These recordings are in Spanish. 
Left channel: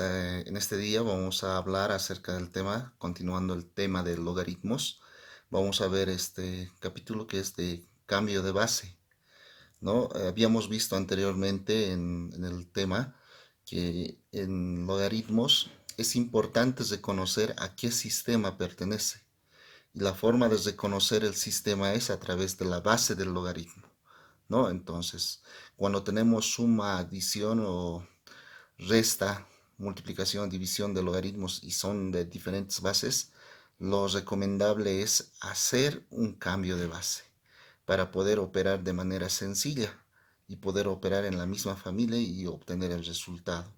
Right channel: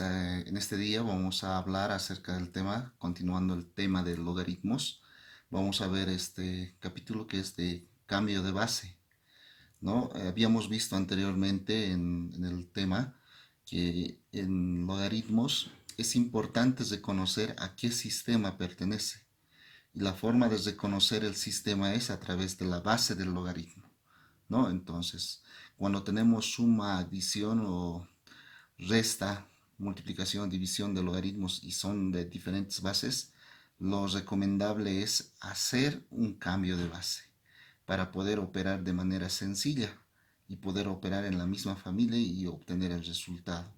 en este día vamos a hablar acerca del tema, continuando el tema de logaritmos. Vamos a ver este capítulo que es de cambio de base, ¿no? Habíamos visto anteriormente en el tema que en logaritmos es importante reconocer a qué sistema pertenece. Y la forma de reconocer el sistema es a través de la base del logaritmo, ¿no? Entonces, cuando tenemos suma, adición o resta, multiplicación, división de logaritmos y son de diferentes bases, lo recomendable es hacer un cambio de base para poder operar de manera sencilla y poder operar en la misma familia y obtener el resultado.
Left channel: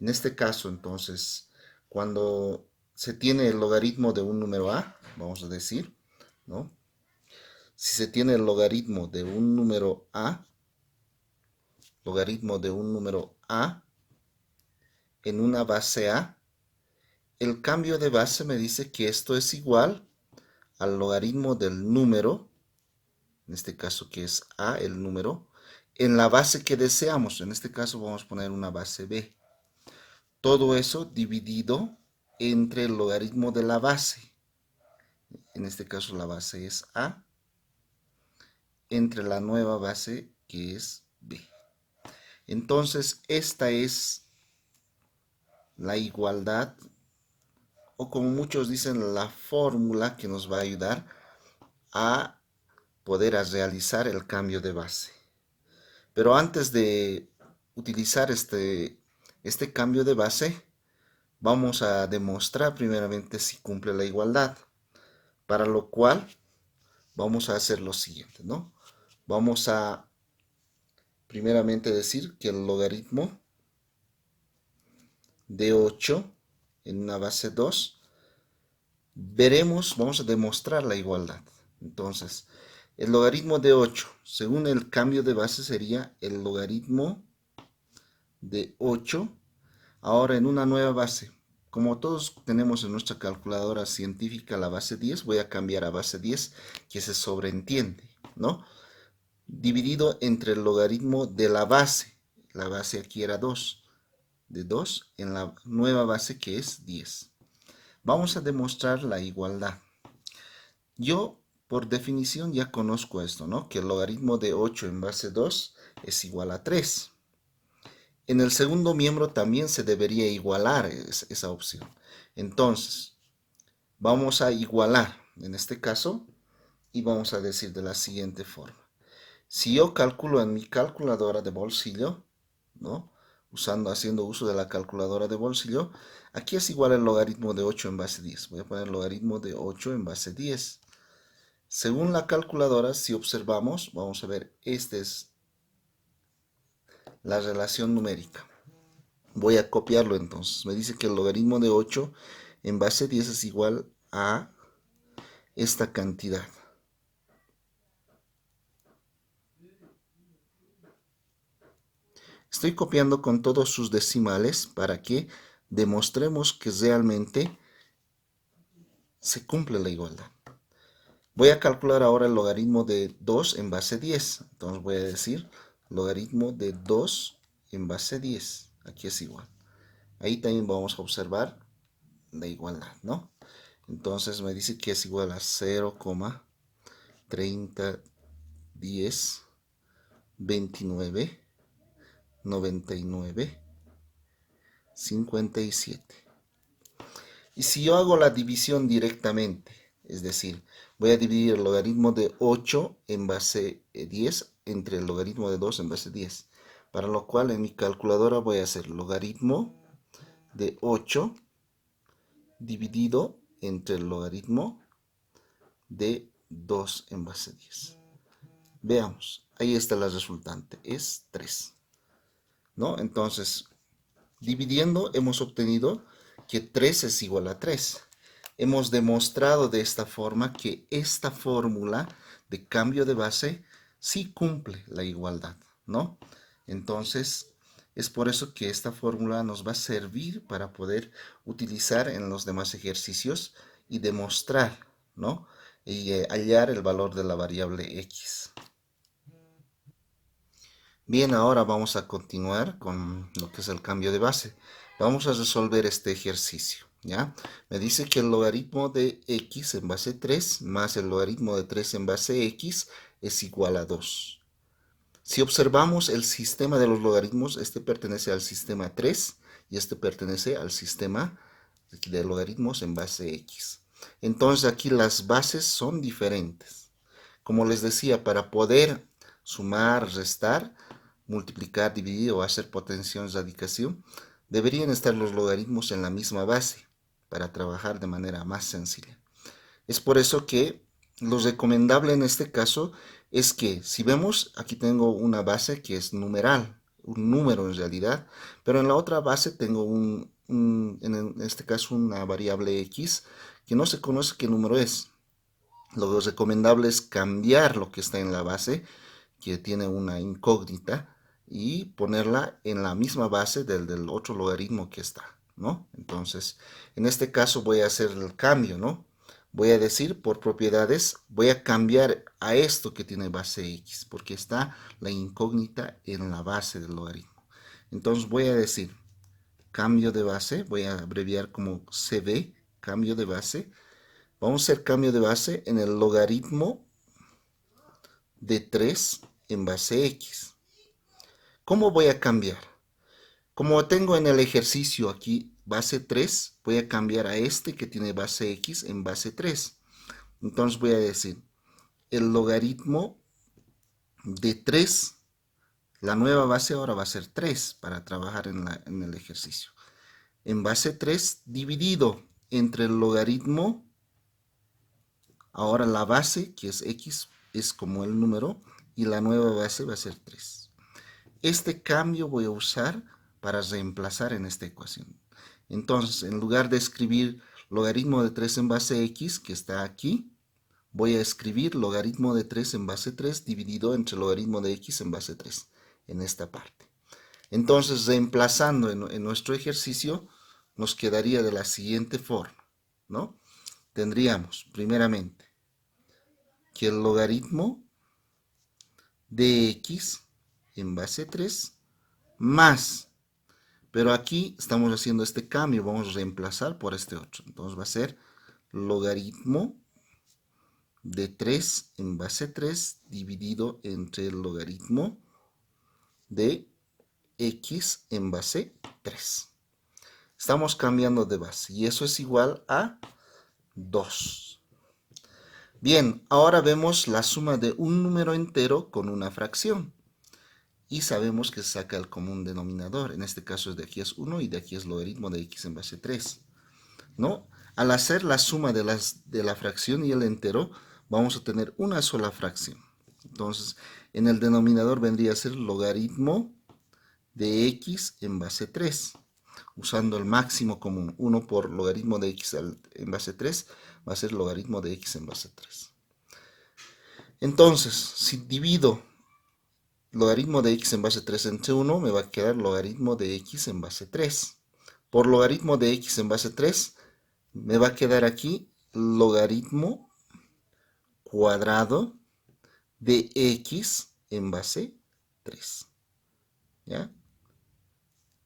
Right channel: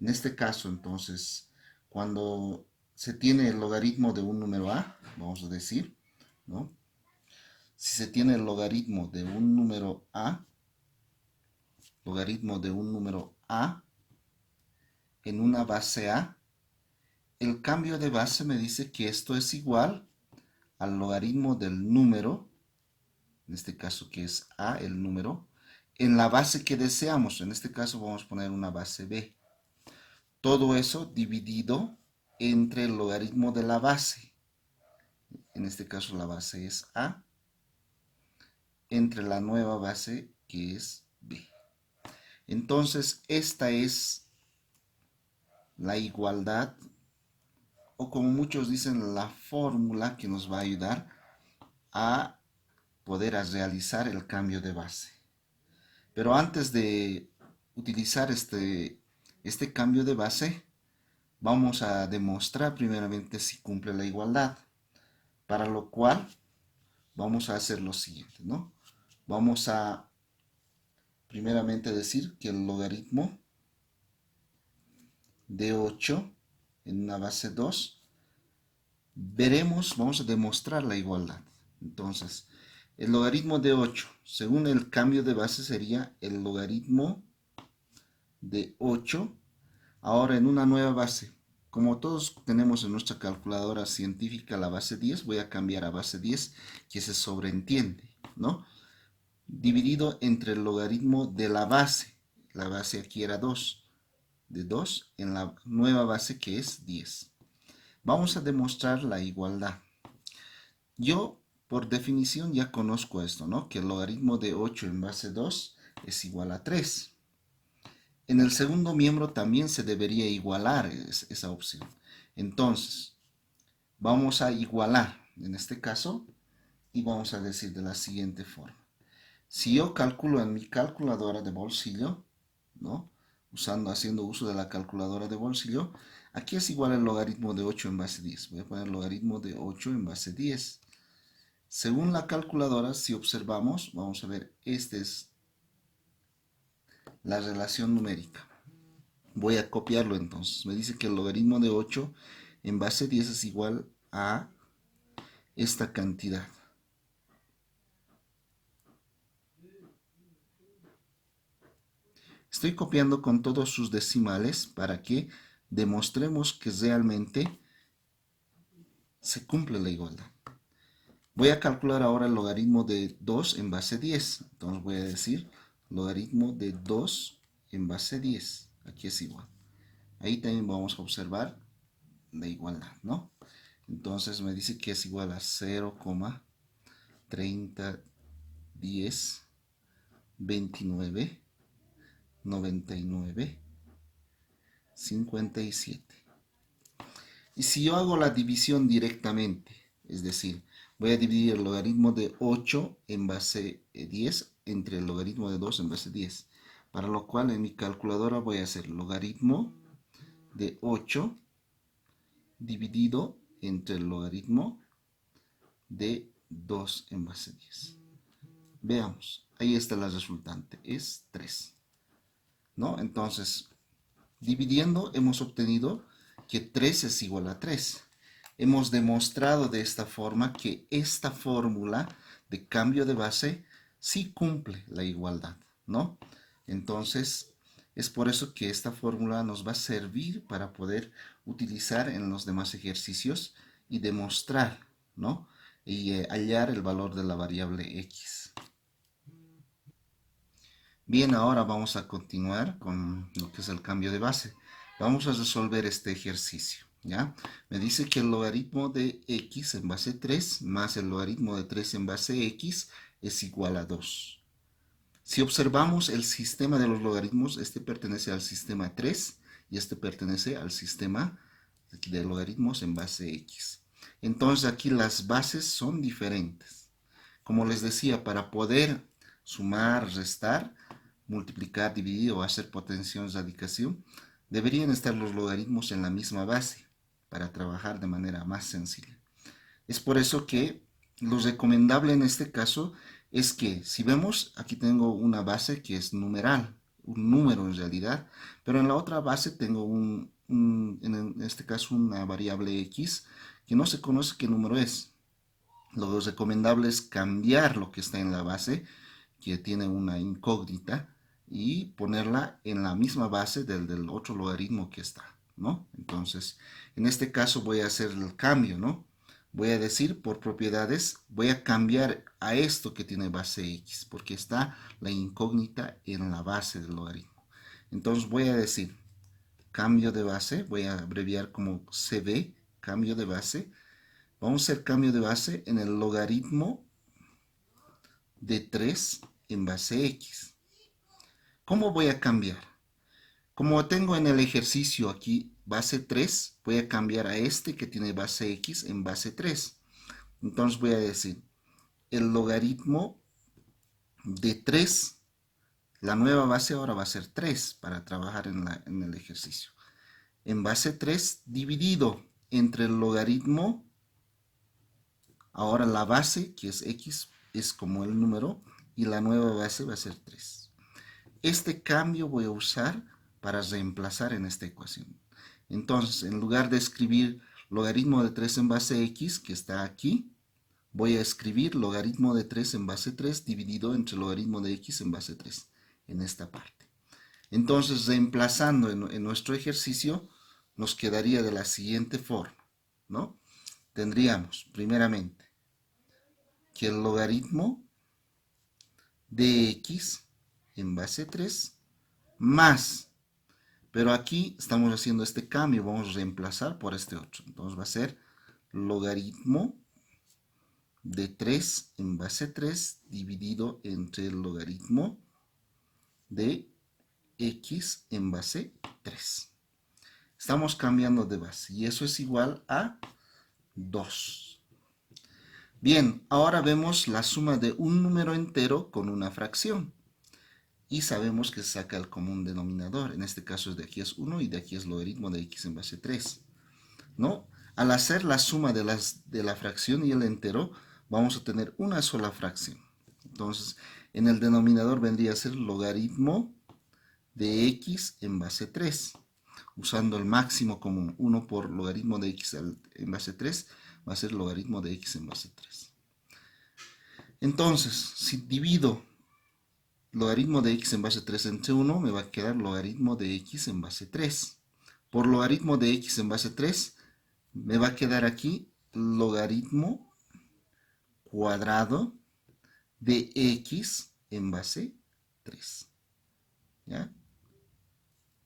En este caso, entonces, cuando se tiene el logaritmo de un número a, vamos a decir, ¿no? Si se tiene el logaritmo de un número a, logaritmo de un número a en una base a, el cambio de base me dice que esto es igual al logaritmo del número, en este caso que es a, el número, en la base que deseamos. En este caso vamos a poner una base b. Todo eso dividido entre el logaritmo de la base. En este caso la base es a, entre la nueva base que es b. Entonces esta es la igualdad, o como muchos dicen, la fórmula que nos va a ayudar a poder realizar el cambio de base. Pero antes de utilizar este cambio de base, vamos a demostrar primeramente si cumple la igualdad. Para lo cual vamos a hacer lo siguiente, ¿no? Vamos a primeramente decir que el logaritmo de 8 en una base 2, vamos a demostrar la igualdad. Entonces, el logaritmo de 8, según el cambio de base, sería el logaritmo de 8, ahora en una nueva base. Como todos tenemos en nuestra calculadora científica la base 10, voy a cambiar a base 10, que se sobreentiende, ¿no? Dividido entre el logaritmo de la base. La base aquí era 2, de 2 en la nueva base que es 10. Vamos a demostrar la igualdad. Yo, por definición, ya conozco esto, ¿no? Que el logaritmo de 8 en base 2 es igual a 3. En el segundo miembro también se debería igualar esa opción. Entonces, vamos a igualar en este caso y vamos a decir de la siguiente forma. Si yo calculo en mi calculadora de bolsillo, ¿no? Haciendo uso de la calculadora de bolsillo, aquí es igual el logaritmo de 8 en base 10. Voy a poner el logaritmo de 8 en base 10. Según la calculadora, si observamos, vamos a ver, esta es la relación numérica. Voy a copiarlo entonces. Me dice que el logaritmo de 8 en base 10 es igual a esta cantidad. Estoy copiando con todos sus decimales para que demostremos que realmente se cumple la igualdad. Voy a calcular ahora el logaritmo de 2 en base 10. Entonces voy a decir logaritmo de 2 en base 10. Aquí es igual. Ahí también vamos a observar la igualdad, ¿no? Entonces me dice que es igual a 0,30, 10, 29, 99, 57. Y si yo hago la división directamente, es decir, voy a dividir el logaritmo de 8 en base 10 entre el logaritmo de 2 en base 10. Para lo cual en mi calculadora voy a hacer logaritmo de 8 dividido entre el logaritmo de 2 en base 10. Veamos, ahí está la resultante, es 3, ¿no? Entonces, dividiendo hemos obtenido que 3 es igual a 3. Hemos demostrado de esta forma que esta fórmula de cambio de base sí cumple la igualdad, ¿no? Entonces, es por eso que esta fórmula nos va a servir para poder utilizar en los demás ejercicios y demostrar, ¿no? Y hallar el valor de la variable x. Bien, ahora vamos a continuar con lo que es el cambio de base. Vamos a resolver este ejercicio, ¿ya? Me dice que el logaritmo de x en base 3 más el logaritmo de 3 en base x es igual a 2. Si observamos el sistema de los logaritmos, este pertenece al sistema 3 y este pertenece al sistema de logaritmos en base x. Entonces aquí las bases son diferentes. Como les decía, para poder sumar, restar, multiplicar, dividir o hacer potenciación, radicación, deberían estar los logaritmos en la misma base para trabajar de manera más sencilla. Es por eso que lo recomendable en este caso es que, si vemos, aquí tengo una base que es numeral, un número en realidad, pero en la otra base tengo en este caso una variable x que no se conoce qué número es. Lo recomendable es cambiar lo que está en la base, que tiene una incógnita, y ponerla en la misma base del otro logaritmo que está, ¿no? Entonces, en este caso voy a hacer el cambio, ¿no? Voy a decir por propiedades, voy a cambiar a esto que tiene base x, porque está la incógnita en la base del logaritmo. Entonces voy a decir cambio de base, voy a abreviar como cb, cambio de base. Vamos a hacer cambio de base en el logaritmo de 3 en base x. ¿Cómo voy a cambiar? Como tengo en el ejercicio aquí base 3, voy a cambiar a este que tiene base x en base 3. Entonces voy a decir el logaritmo de 3, la nueva base ahora va a ser 3 para trabajar en el ejercicio. En base 3 dividido entre el logaritmo, ahora la base que es x es como el número y la nueva base va a ser 3. Este cambio voy a usar para reemplazar en esta ecuación. Entonces, en lugar de escribir logaritmo de 3 en base x, que está aquí, voy a escribir logaritmo de 3 en base 3 dividido entre logaritmo de x en base 3, en esta parte. Entonces, reemplazando en nuestro ejercicio, nos quedaría de la siguiente forma, ¿no? Tendríamos, primeramente, que el logaritmo de x en base 3 más, pero aquí estamos haciendo este cambio, vamos a reemplazar por este otro. Entonces va a ser logaritmo de 3 en base 3 dividido entre el logaritmo de x en base 3. Estamos cambiando de base y eso es igual a 2. Bien, ahora vemos la suma de un número entero con una fracción. Y sabemos que saca el común denominador. En este caso de aquí es 1 y de aquí es logaritmo de x en base 3. ¿No? Al hacer la suma de la fracción y el entero, vamos a tener una sola fracción. Entonces, en el denominador vendría a ser logaritmo de x en base 3. Usando el máximo común, 1 por logaritmo de x en base 3, va a ser logaritmo de x en base 3. Entonces, si divido logaritmo de x en base 3 entre 1, me va a quedar logaritmo de x en base 3. Por logaritmo de x en base 3, me va a quedar aquí logaritmo cuadrado de x en base 3. ¿Ya?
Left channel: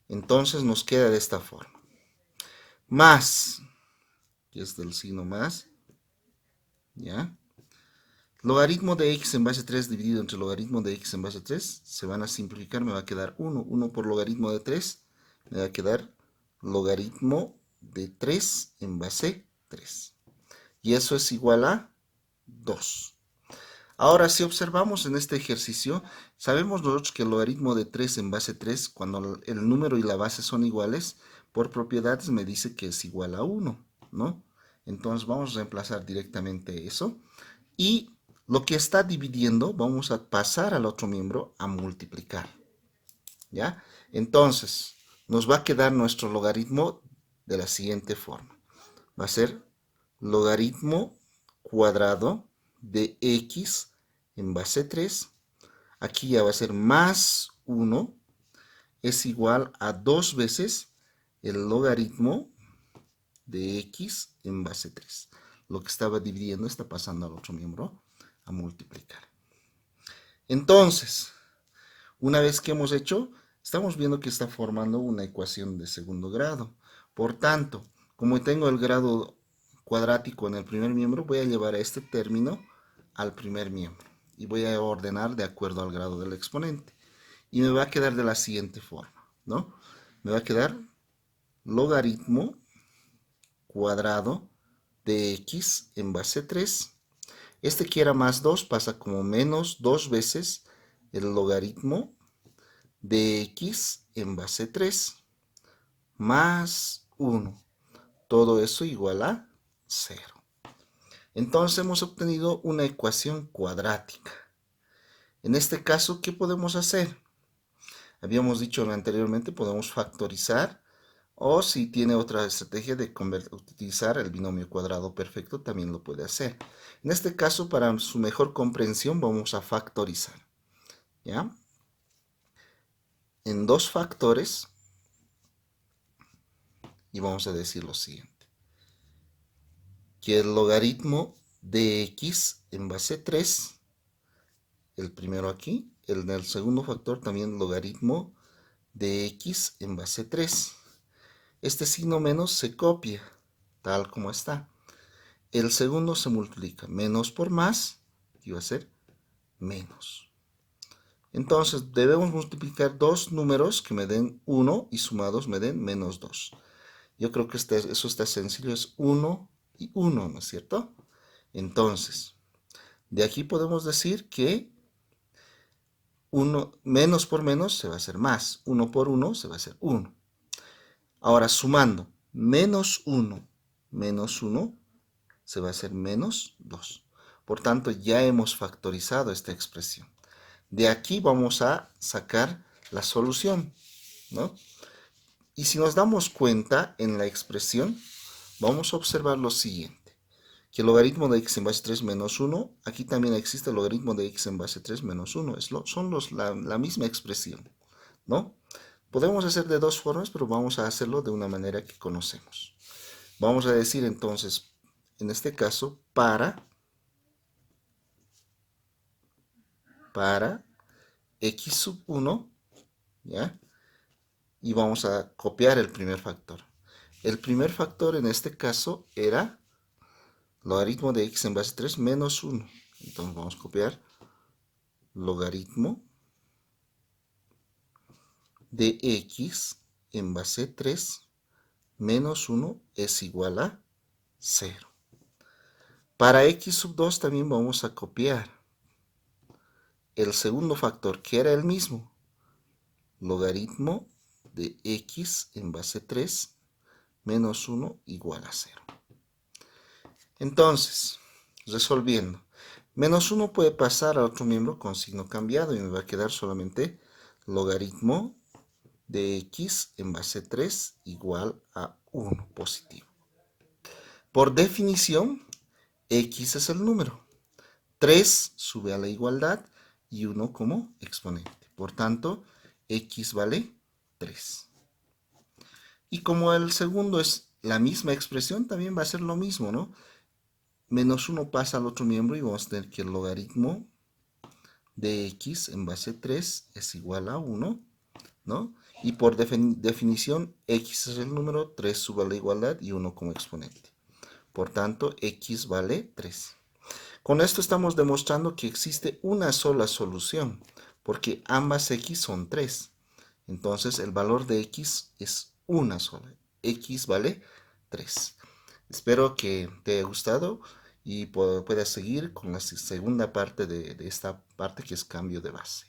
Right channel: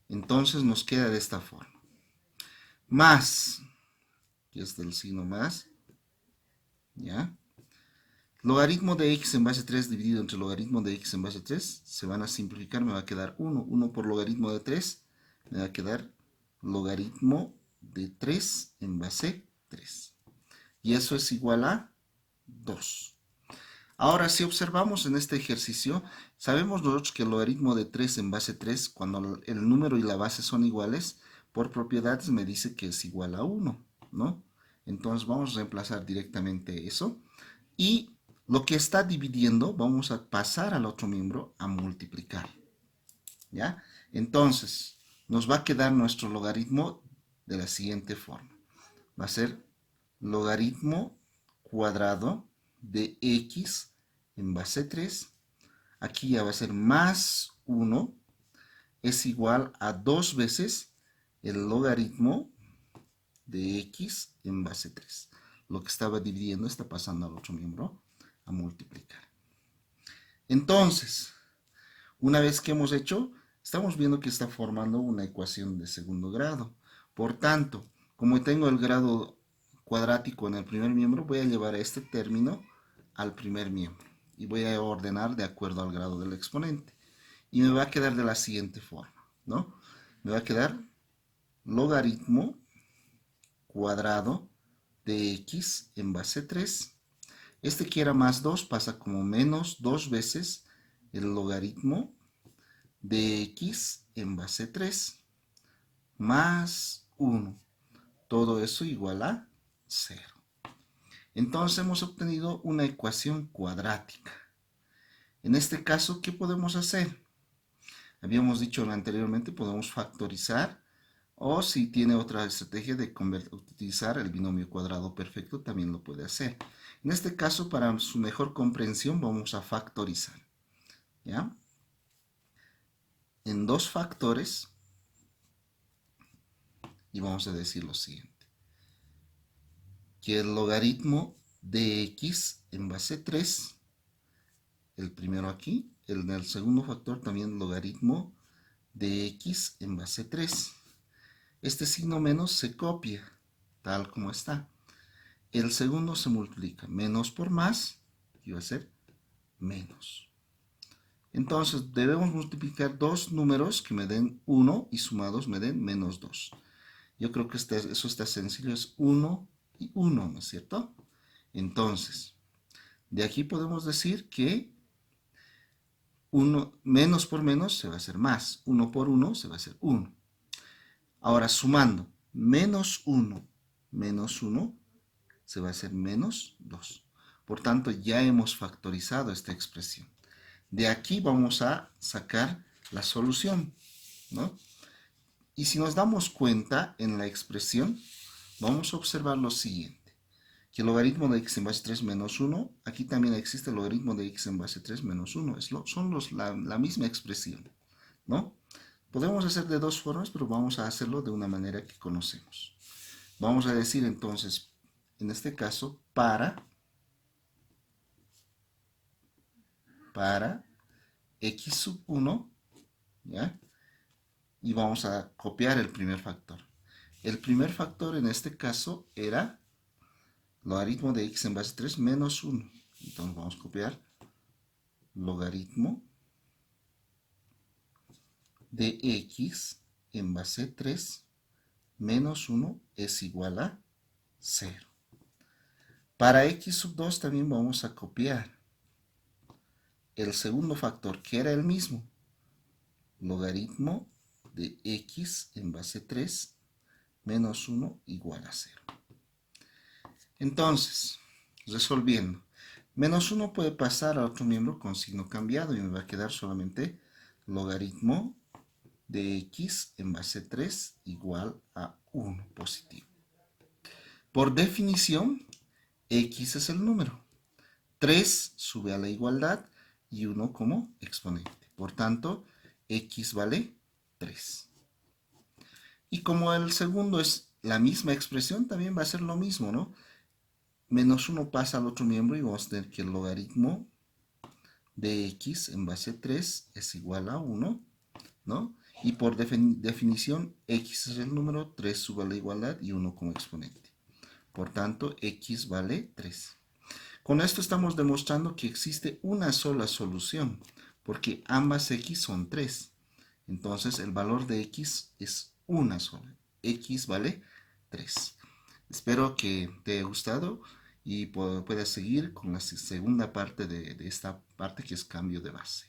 Entonces nos queda de esta forma. Más, que es del signo más, ¿ya? Logaritmo de x en base 3 dividido entre logaritmo de x en base 3, se van a simplificar, me va a quedar 1. 1 por logaritmo de 3, me va a quedar logaritmo de 3 en base 3. Y eso es igual a 2. Ahora, si observamos en este ejercicio, sabemos nosotros que el logaritmo de 3 en base 3, cuando el número y la base son iguales, por propiedades me dice que es igual a 1, ¿no? Entonces vamos a reemplazar directamente eso. Y lo que está dividiendo, vamos a pasar al otro miembro a multiplicar, ¿ya? Entonces, nos va a quedar nuestro logaritmo de la siguiente forma. Va a ser logaritmo cuadrado de x en base 3. Aquí ya va a ser más 1 es igual a 2 veces el logaritmo de x en base 3. Lo que estaba dividiendo está pasando al otro miembro a multiplicar. Entonces, una vez que hemos hecho, Estamos viendo que está formando una ecuación de segundo grado. Por tanto, como tengo el grado cuadrático en el primer miembro, voy a llevar a este término al primer miembro y voy a ordenar de acuerdo al grado del exponente. Y me va a quedar de la siguiente forma, ¿no? Me va a quedar logaritmo cuadrado de x en base 3. Este que era más 2 pasa como menos 2 veces el logaritmo de x en base 3 más 1. Todo eso igual a 0. Entonces hemos obtenido una ecuación cuadrática. En este caso, ¿qué podemos hacer? Habíamos dicho anteriormente, podemos factorizar o si tiene otra estrategia de utilizar el binomio cuadrado perfecto, también lo puede hacer. En este caso, para su mejor comprensión, vamos a factorizar. ¿Ya? En dos factores, y vamos a decir lo siguiente. Que el logaritmo de x en base 3, el primero aquí, el del segundo factor también logaritmo de x en base 3. Este signo menos se copia, tal como está. El segundo se multiplica, menos por más, y va a ser menos. Entonces debemos multiplicar dos números que me den 1 y sumados me den menos 2. Yo creo que eso está sencillo, es 1 y 1, ¿no es cierto? Entonces, de aquí podemos decir que 1 menos por menos se va a hacer más, 1 por 1 se va a hacer 1. Ahora sumando, menos 1 menos 1 se va a hacer menos 2. Por tanto, ya hemos factorizado esta expresión. De aquí vamos a sacar la solución, ¿no? Y si nos damos cuenta en la expresión, vamos a observar lo siguiente. Que el logaritmo de x en base 3 menos 1, aquí también existe el logaritmo de x en base 3 menos 1. Son la misma expresión, ¿no? Podemos hacer de dos formas, pero vamos a hacerlo de una manera que conocemos. Vamos a decir entonces, en este caso, para x sub 1, ¿ya? Y vamos a copiar el primer factor. El primer factor en este caso era logaritmo de x en base 3 menos 1. Entonces vamos a copiar logaritmo de x en base 3 menos 1 es igual a 0. Para x sub 2 también vamos a copiar el segundo factor, que era el mismo. Logaritmo de x en base 3 menos 1 igual a 0. Entonces, resolviendo. Menos 1 puede pasar a otro miembro con signo cambiado y me va a quedar solamente logaritmo de x en base 3 igual a 1 positivo. Por definición, x es el número. 3 sube a la igualdad y 1 como exponente. Por tanto, x vale 3. Y como el segundo es la misma expresión, también va a ser lo mismo, ¿no? Menos 1 pasa al otro miembro y vamos a tener que el logaritmo de x en base 3 es igual a 1, ¿no? Y por definición, x es el número, 3 sube a la igualdad y 1 como exponente. Por tanto, x vale 3. Con esto estamos demostrando que existe una sola solución, porque ambas x son 3. Entonces, el valor de x es una sola. X vale 3. Espero que te haya gustado y puedas seguir con la segunda parte de esta parte que es cambio de base.